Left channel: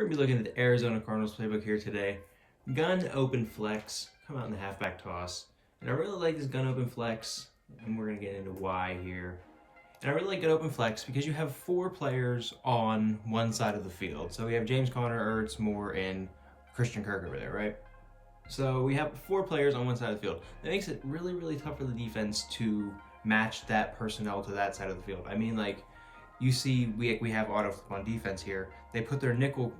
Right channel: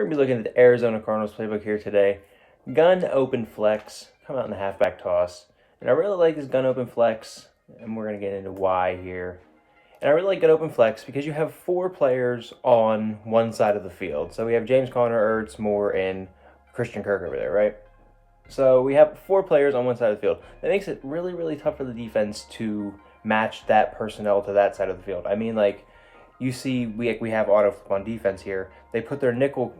We're going to be looking at the Arizona Cardinals playbook here today. Gun open flex, come out in the halfback toss. And I really like this gun open flex, and we're going to get into why here. And I really like gun open flex because you have 4 players on one side of the field. So we have James Conner, Ertz, Moore, and Christian Kirk over there, right? So we have 4 players on one side of the field. That makes it really, really tough for the defense to match that personnel to that side of the field. I mean, like, you see, we have auto flip on defense here. They put their nickel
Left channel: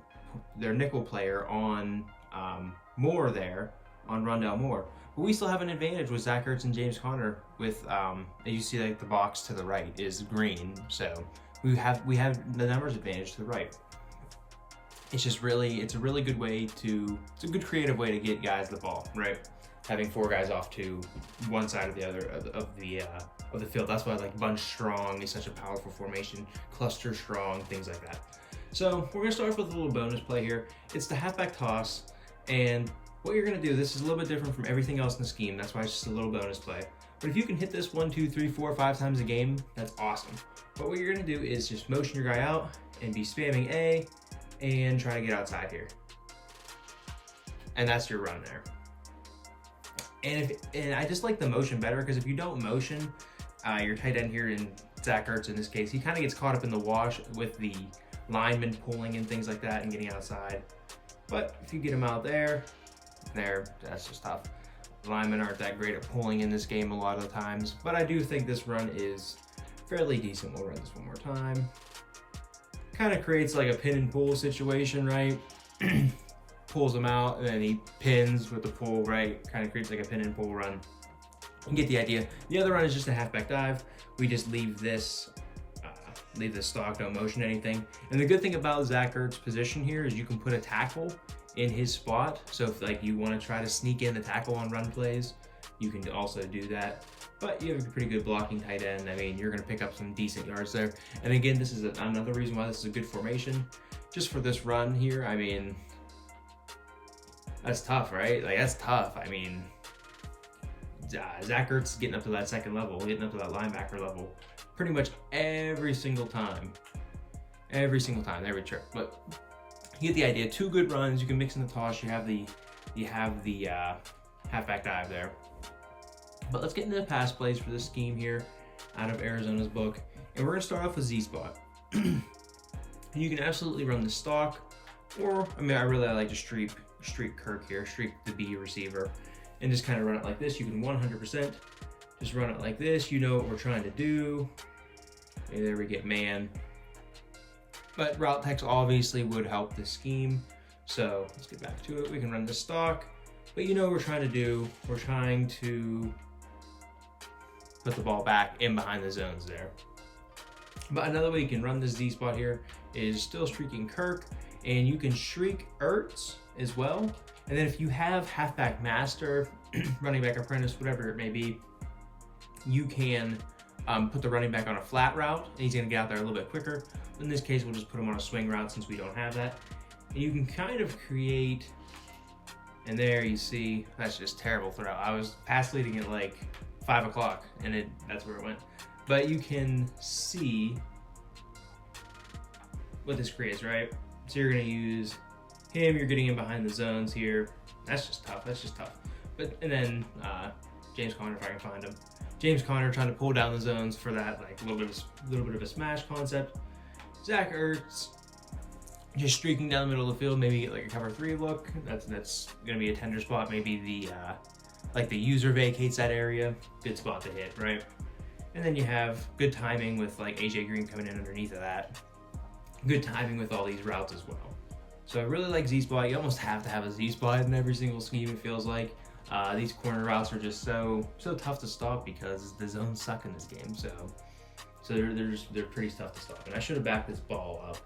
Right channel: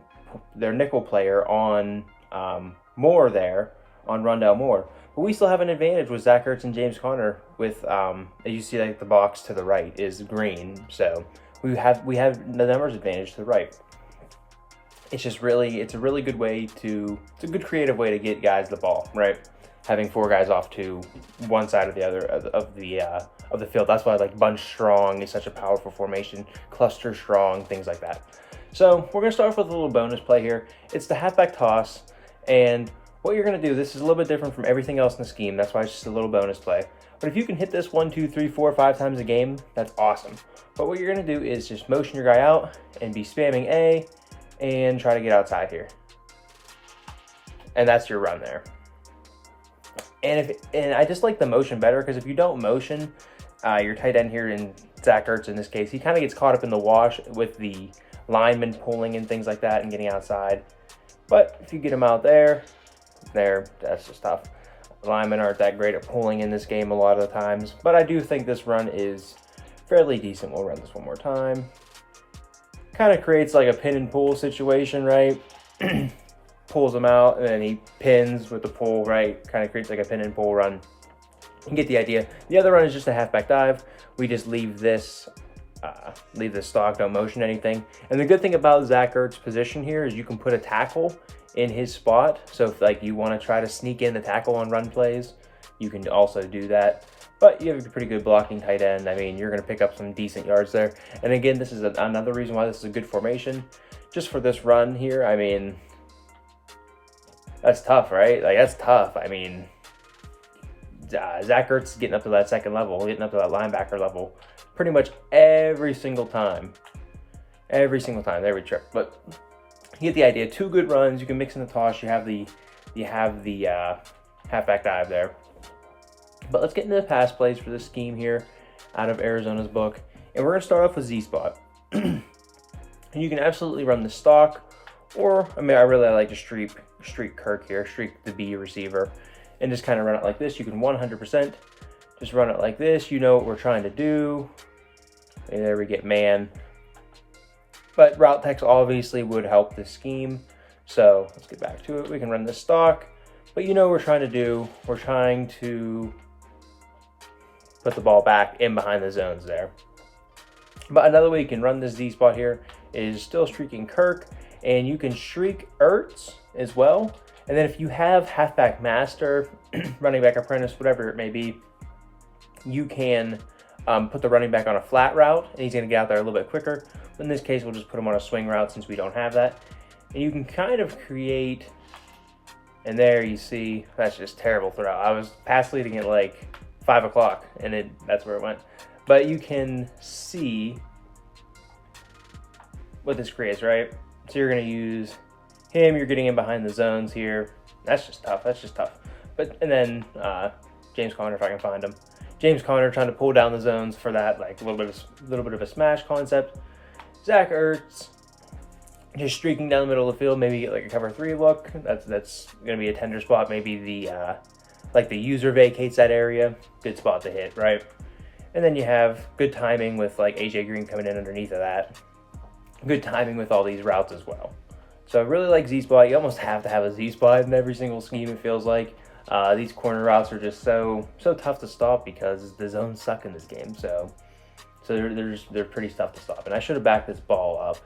player on Moore there, on Rondale Moore. But we still have an advantage with Zach Ertz and James Conner with, as you see, like, the box to the right is green. So we have the numbers advantage to the right. It's just really, it's a really good way to, it's a good creative way to get guys the ball, right? Having 4 guys off to one side or the other of the field. That's why, like, bunch strong is such a powerful formation, cluster strong, things like that. So we're gonna start off with a little bonus play here. It's the halfback toss, and what you're gonna do, this is a little bit different from everything else in the scheme. That's why it's just a little bonus play. But if you can hit this 1, 2, 3, 4, 5 times a game, that's awesome. But what you're gonna do is just motion your guy out and be spamming A and try to get outside here. And that's your run there. And I just like the motion better, because if you don't motion, your tight end here in Zach Ertz in this case, he kind of gets caught up in the wash with the linemen pulling and things like that and getting outside. But if you get him out there, that's just tough. The linemen aren't that great at pulling in this game a lot of the times, but I do think this run is fairly decent. We'll run this one more time. Kind of creates like a pin and pull situation, right? Pulls him out, and then he pins with the pull, right? Kind of creates like a pin and pull run. You get the idea. The other run is just a halfback dive. We just leave this stock, don't motion anything. And the good thing about Zach Ertz's position here is you can put a tackle in his spot. So if, like, you want to try to sneak in the tackle on run plays, you can also do that. But you have a pretty good blocking tight end. I mean, you're going to pick up some decent yards there. And again, this is another reason why this is a good formation. Just for this run here, I mean, that's tough, right? Like, that's tough. I mean, Zach Ertz is getting up to that second level, getting up to that linebacker level pretty much every single time. Every single time, every trip. But you get the idea. 2 good runs. You can mix in the toss. You have the halfback dive there. But let's get into the pass plays for this scheme here out of Arizona's book. And we're going to start off with Z-Spot. And you can absolutely run the stock, or, I mean, I really like to streak Kirk here, streak the B receiver, and just kind of run it like this. You can 100% just run it like this. You know what we're trying to do. And there we get man. But route text obviously would help this scheme. So let's get back to it. We can run this stock. But you know what we're trying to do. We're trying to put the ball back in behind the zones there. But another way you can run this Z spot here is still streaking Kirk. And you can streak Ertz as well. And then if you have halfback master, running back apprentice, whatever it may be, you can put the running back on a flat route, and he's going to get out there a little bit quicker. In this case, we'll just put him on a swing route since we don't have that. And you can kind of create, and there you see, that's just terrible throw. I was pass leading at like 5 o'clock, and that's where it went. But you can see what this creates, right? So you're going to use him, you're getting in behind the zones here. That's just tough, that's just tough. And then James Conner, if I can find him. James Conner trying to pull down the zones for that, like a little bit of a smash concept. Zach Ertz just streaking down the middle of the field, maybe get like a cover 3 look. That's gonna be a tender spot. Maybe the user vacates that area. Good spot to hit, right? And then you have good timing with like AJ Green coming in underneath of that. Good timing with all these routes as well. So I really like Z-Spot. You almost have to have a Z-Spot in every single scheme, it feels like. These corner routes are just so tough to stop because the zones suck in this game. So they're pretty tough to stop. And I should have backed this ball up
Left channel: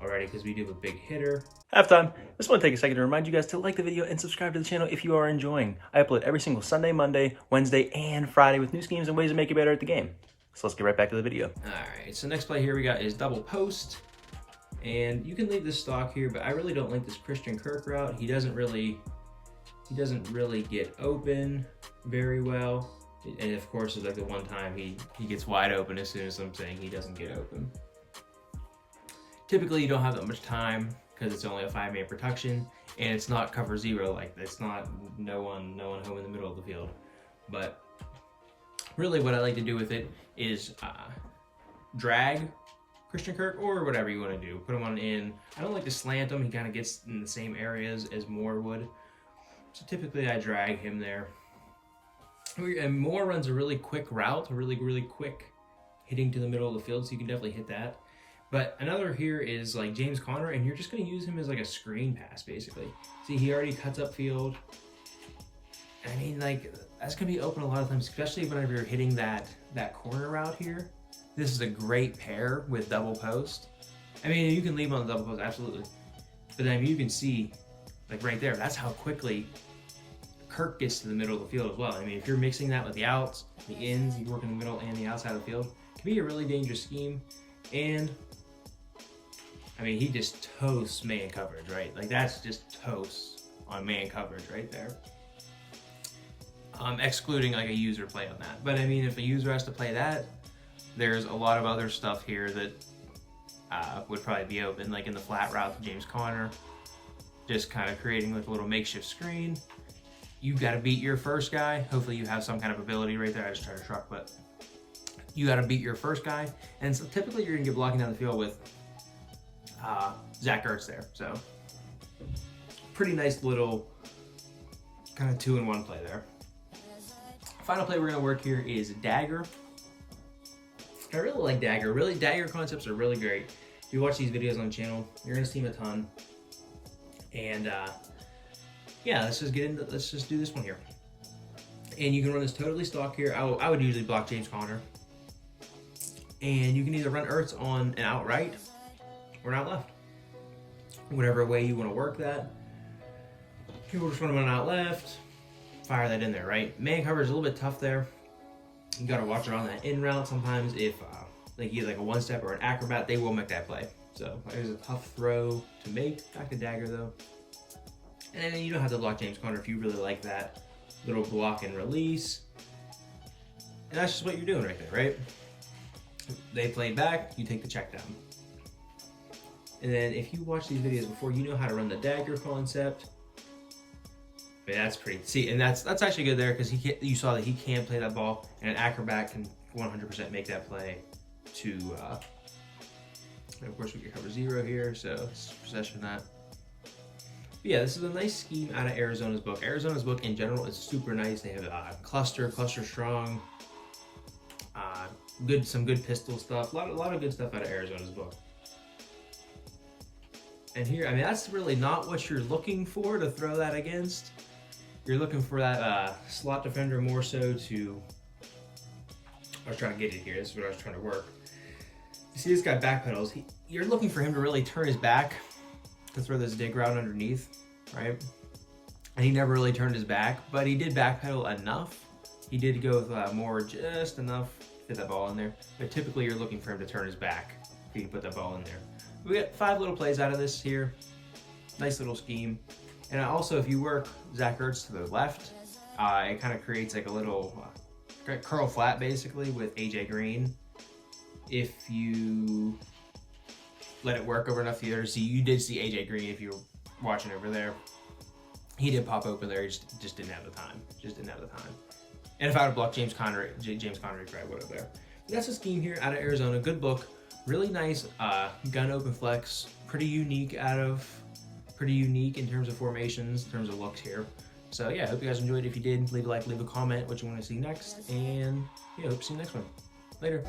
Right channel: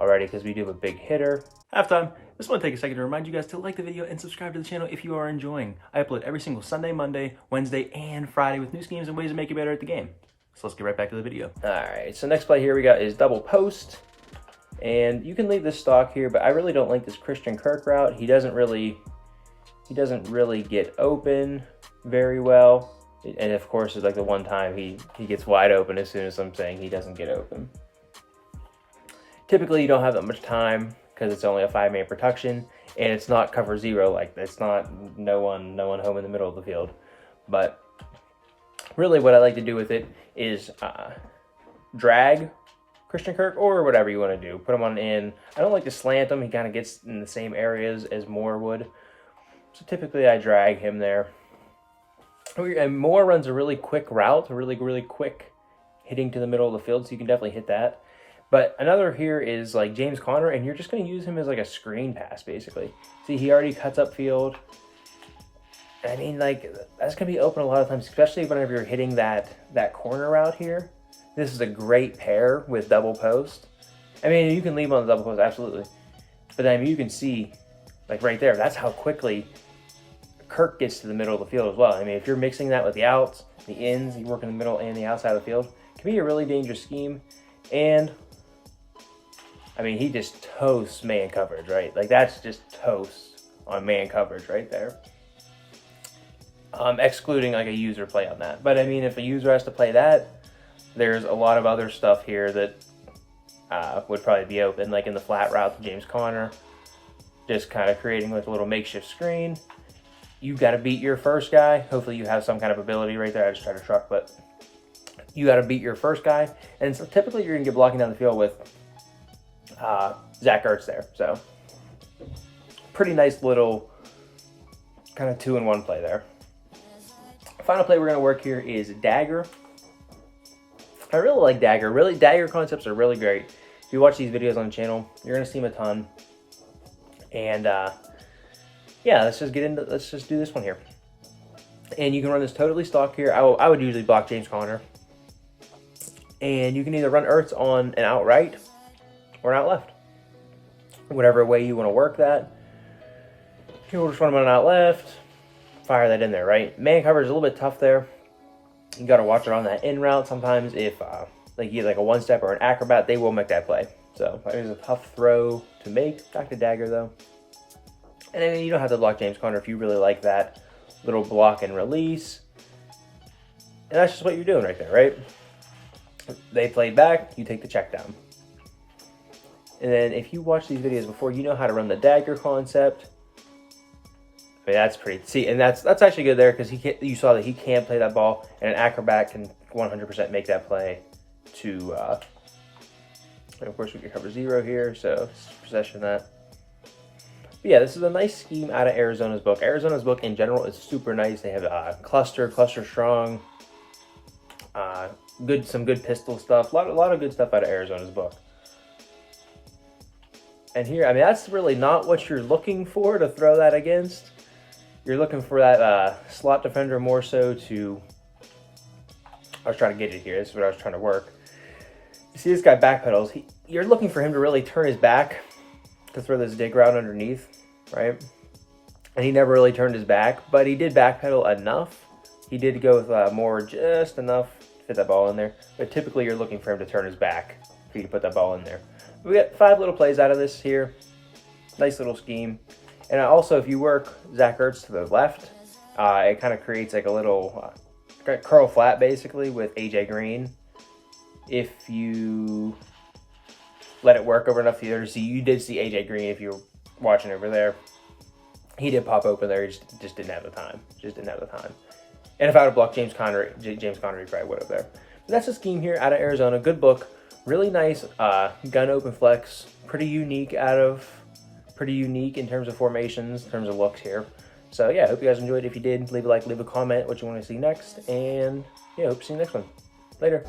already because we do have a big hitter. Halftime. Just want to take a second to remind you guys to like the video and subscribe to the channel if you are enjoying. I upload every single Sunday, Monday, Wednesday, and Friday with new schemes and ways to make you better at the game. So let's get right back to the video. All right, so next play here we got is double post. And you can leave this stock here, but I really don't like this Christian Kirk route. He doesn't really get open very well. And of course, it's like the one time he gets wide open as soon as I'm saying he doesn't get open. Typically, you don't have that much time because it's only a 5-man production, and it's not cover zero. Like, it's not no one home in the middle of the field. But really what I like to do with it is drag Christian Kirk, or whatever you want to do. Put him on in. I don't like to slant him. He kind of gets in the same areas as Moore would. So typically I drag him there. And Moore runs a really quick route, a really quick hitting to the middle of the field, so you can definitely hit that. But another here is like James Conner, and you're just going to use him as like a screen pass, basically. See, he already cuts up field. I mean, like, that's going to be open a lot of times, especially whenever you're hitting that corner route here. This is a great pair with double post. I mean, you can leave him on the double post, absolutely. But I mean, you can see, like right there, that's how quickly Kirk gets to the middle of the field as well. I mean, if you're mixing that with the outs, the ins, you work in the middle and the outside of the field, it can be a really dangerous scheme. And I mean, he just toasts man coverage, right? Like, that's just toast on man coverage right there. Excluding like a user play on that. But I mean, if a user has to play that, there's a lot of other stuff here that would probably be open, like in the flat route to James Conner, just kind of creating like a little makeshift screen. You got to beat your first guy. Hopefully you have some kind of ability right there. I just tried to truck, but you got to beat your first guy. And so typically you're going to get blocking down the field with Zach Ertz there. So pretty nice little kind of 2-in-1 play there. Final play we're going to work here is Dagger. I really like Dagger. Really, Dagger concepts are really great. If you watch these videos on the channel, you're going to see them a ton. And yeah, let's just do this one here. And you can run this totally stock here. I would usually block James Conner. And you can either run Ertz on an out right or an out left. Whatever way you want to work that. You'll just run him on an out left. Fire that in there, right? Man coverage is a little bit tough there. You got to watch it on that in route. Sometimes if like you get like a one-step or an acrobat, they will make that play. So it was a tough throw to make. Back to Dagger though. And then you don't have to block James Conner if you really like that little block and release. And that's just what you're doing right there, right? They played back, you take the check down. And then if you watch these videos before, you know how to run the Dagger concept. I mean, that's pretty, see, and that's actually good there because you saw that he can play that ball, and an acrobat can 100% make that play to, and of course we can cover zero here, so possession that. But yeah, this is a nice scheme out of Arizona's book. Arizona's book in general is super nice. They have cluster strong, some good pistol stuff, a lot of good stuff out of Arizona's book. And here, I mean, that's really not what you're looking for to throw that against. You're looking for that slot defender more so to, I was trying to get it here, this is what I was trying to work. You see this guy backpedals, you're looking for him to really turn his back to throw this dig route underneath, right? And he never really turned his back, but he did backpedal enough. He did go with more, just enough to fit that ball in there. But typically you're looking for him to turn his back for you to put that ball in there. We got 5 little plays out of this here. Nice little scheme. And also, if you work Zach Ertz to the left, it kind of creates like a little curl flat, basically, with AJ Green. If you let it work over enough theaters, so you did see AJ Green if you're watching over there. He did pop open there, he just didn't have the time. And if I would have blocked James Conner, he probably would have there. But that's a scheme here out of Arizona. Good book. Really nice gun open flex. Pretty unique in terms of formations, in terms of looks here. So yeah, I hope you guys enjoyed. If you did, leave a like, leave a comment what you want to see next. And yeah, hope to see you next one. Later.